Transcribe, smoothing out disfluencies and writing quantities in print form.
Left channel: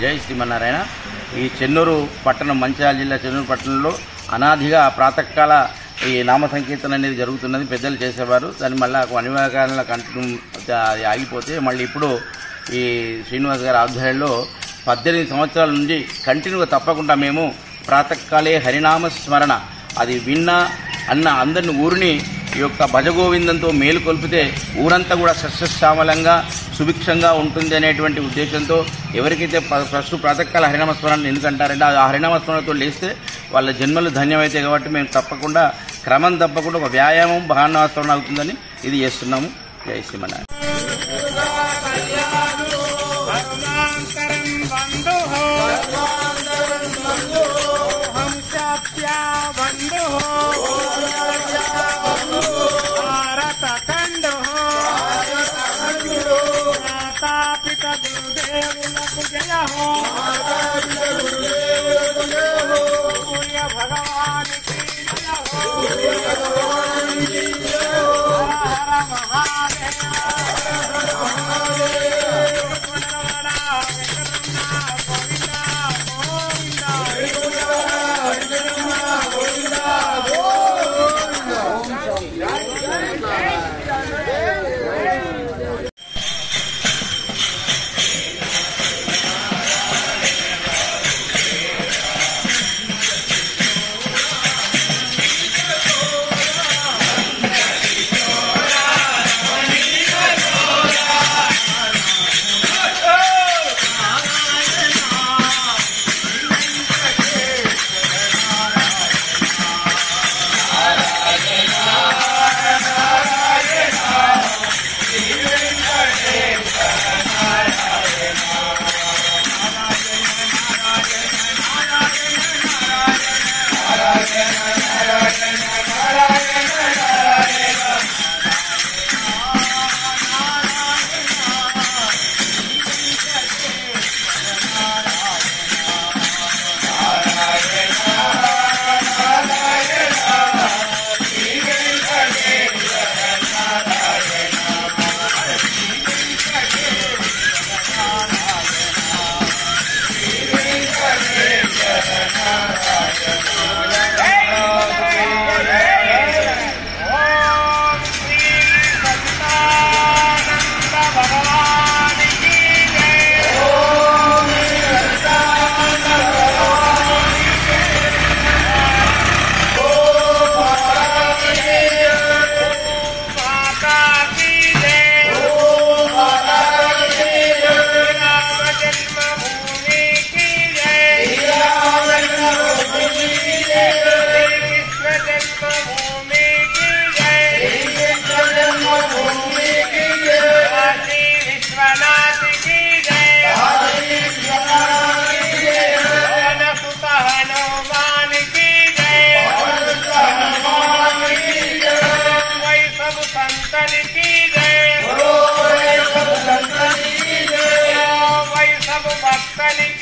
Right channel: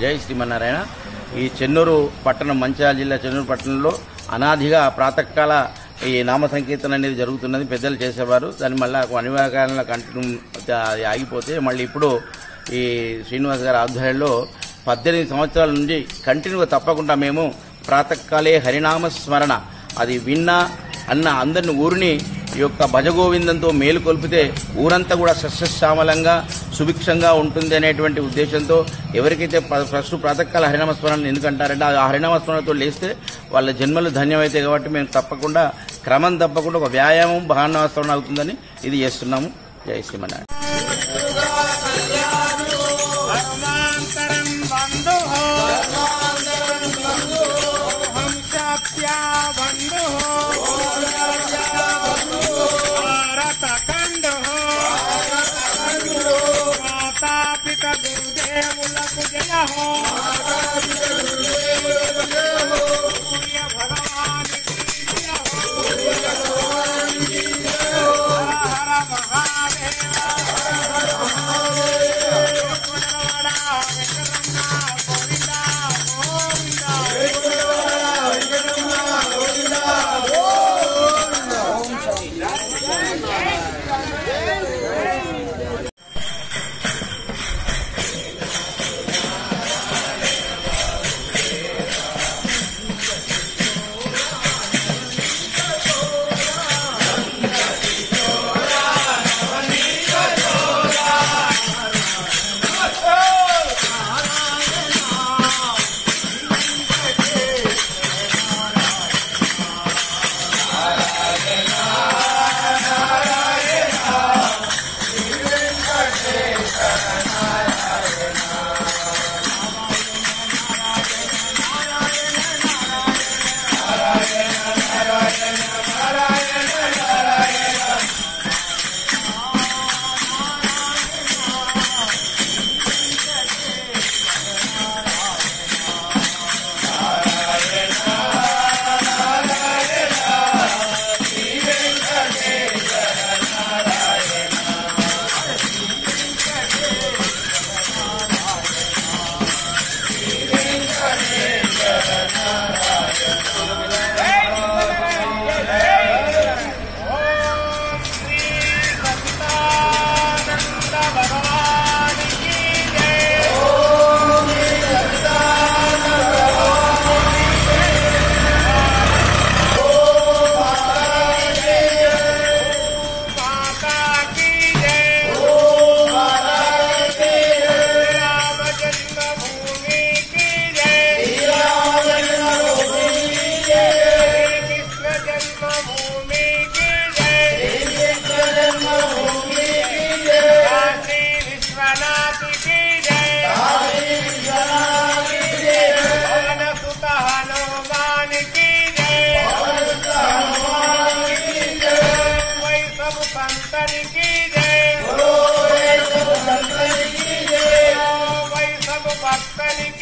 జై శ్రీమన్నారాయణ. ఈ చెన్నూరు పట్టణం, మంచిర్యాల జిల్లా చెన్నూరు పట్టణంలో అనాదిగా ప్రాతకాల ఈ నామ సంకీర్తన అనేది జరుగుతున్నది. పెద్దలు చేసేవారు. దాని మళ్ళీ అనివార్య కంటిన్యూ ఆగిపోతే మళ్ళీ ఇప్పుడు ఈ శ్రీనివాస్ గారి ఆధ్వర్యంలో 18 సంవత్సరాల నుండి కంటిన్యూగా తప్పకుండా మేము ప్రాతకాలే హరినామ స్మరణ అది విన్నా అన్న అందరిని ఊరిని ఈ యొక్క భజగోవిందంతో మేలు కొల్పితే ఊరంతా కూడా సస్యశ్యామలంగా సుభిక్షంగా ఉంటుంది అనేటువంటి ఉద్దేశంతో ఎవరికైతే ఫస్ట్ ప్రాతకాల హరినామస్మరణ ఎందుకంటారంటే ఆ హరినామస్మరణతో లేస్తే వాళ్ళ జన్మలు ధన్యమైతాయి. కాబట్టి మేము తప్పకుండా క్రమం తప్పకుండా ఒక వ్యాయామం భావనాస్మరణ అవుతుందని ఇది చేస్తున్నాము. జై శ్రీమన్నారాయణ. Bye.